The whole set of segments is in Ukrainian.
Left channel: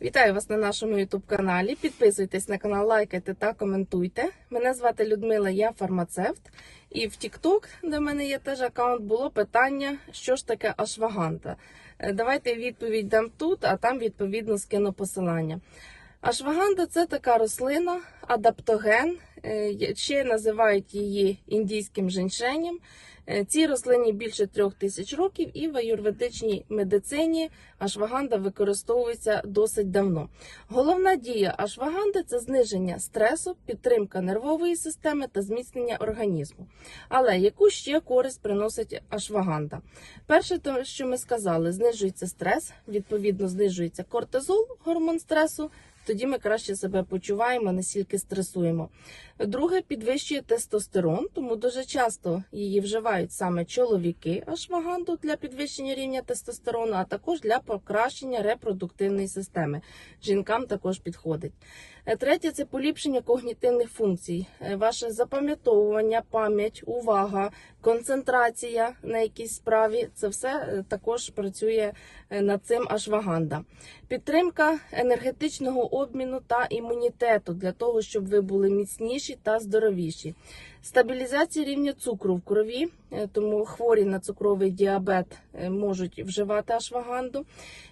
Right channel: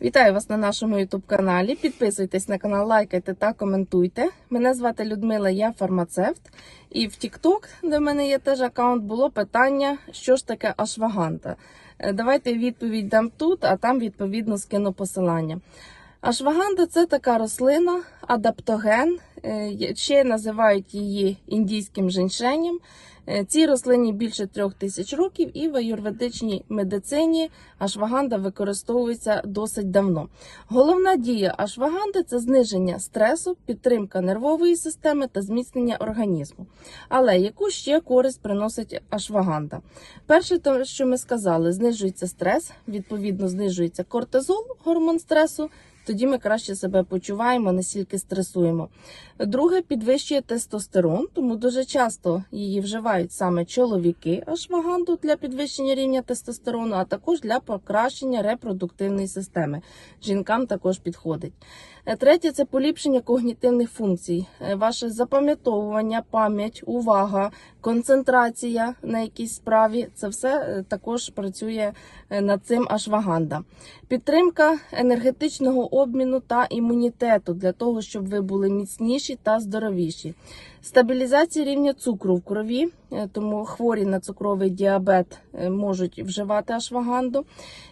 Вітаю вас на нашому youtube каналі. Підписуйтесь на канал, лайкайте та коментуйте. Мене звати Людмила, я фармацевт. І в TikTok, де в мене є теж аккаунт, було питання, що ж таке ашваганта. Е, Давайте відповідь дам тут, а там відповідно скину посилання. Ашваганда це така рослина, адаптоген, е, ще називають її індійським женьшенем. Е, Цій рослині більше трьох тисяч років, і в аюрведичній медицині ашваганда використовується досить давно. Головна дія ашваганди це зниження стресу, підтримка нервової системи та зміцнення організму. Але яку ще користь приносить ашваганда? Перше, то, що ми сказали, знижується стрес, відповідно, знижується кортизол, гормон стресу. Тоді ми краще себе почуваємо, настільки стресуємо. Друге, підвищує тестостерон, тому дуже часто її вживають саме чоловіки ашваганду для підвищення рівня тестостерону, а також для покращення репродуктивної системи. Жінкам також підходить. Е, Третє це поліпшення когнітивних функцій, Е, ваше запам'ятовування, пам'ять, увага, концентрація на якійсь справі. Це все е, також працює над цим ашваганда. Підтримка енергетичного обміну та імунітету для того, щоб ви були міцніші та здоровіші. Стабілізація рівня цукру в крові, е, тому хворі на цукровий діабет е, можуть вживати ашваганду.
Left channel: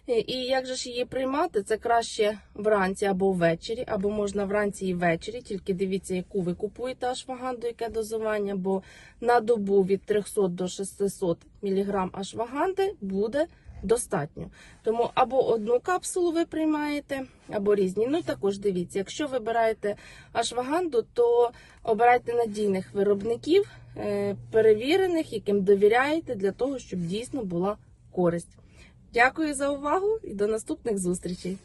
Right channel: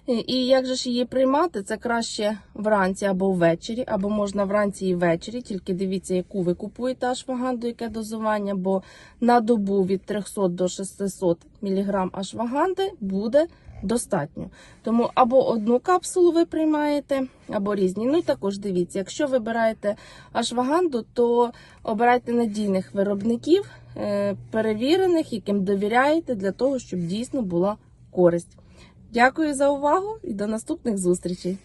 Е, І як же ж її приймати? Це краще вранці або ввечері, або можна вранці і ввечері. Тільки дивіться, яку ви купуєте ашваганду, яке дозування, бо на добу від 300 до 600 мг ашваганди буде достатньо. Тому або одну капсулу ви приймаєте, або різні. Ну також дивіться, якщо вибираєте ашваганду, то обирайте надійних виробників, е, перевірених, яким довіряєте, для того, щоб дійсно була користь. Дякую за увагу і до наступних зустрічей.